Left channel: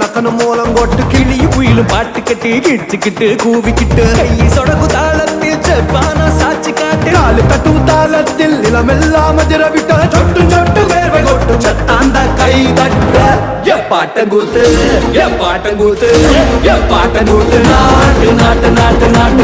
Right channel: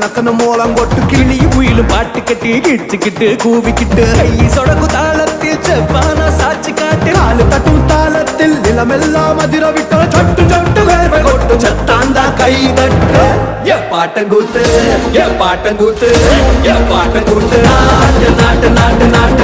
நக்கன மூலம் போட்டு கிளியும் குயிலும் பாட்டு கட்டி கிடிச்சுக்கிட்டு கூவிக்கிட்டு கை சொடக்கு தாளத்தில் செவ்வானா சாட்சி காட்டு காலு தட்டும் தாளத்தில் நிலமெல்லாம் அதிர விட்டால் சொட்டு சொட்டு வேர்வை கொட்டும் சத்தாந்தா கை தட்ட ஏ பாட்டங்கூத்து ஏ பாட்டங்கூத்து ஏ பாட்டங்கூத்து நாட்டு நாட்டு நாட்டு நாட்டு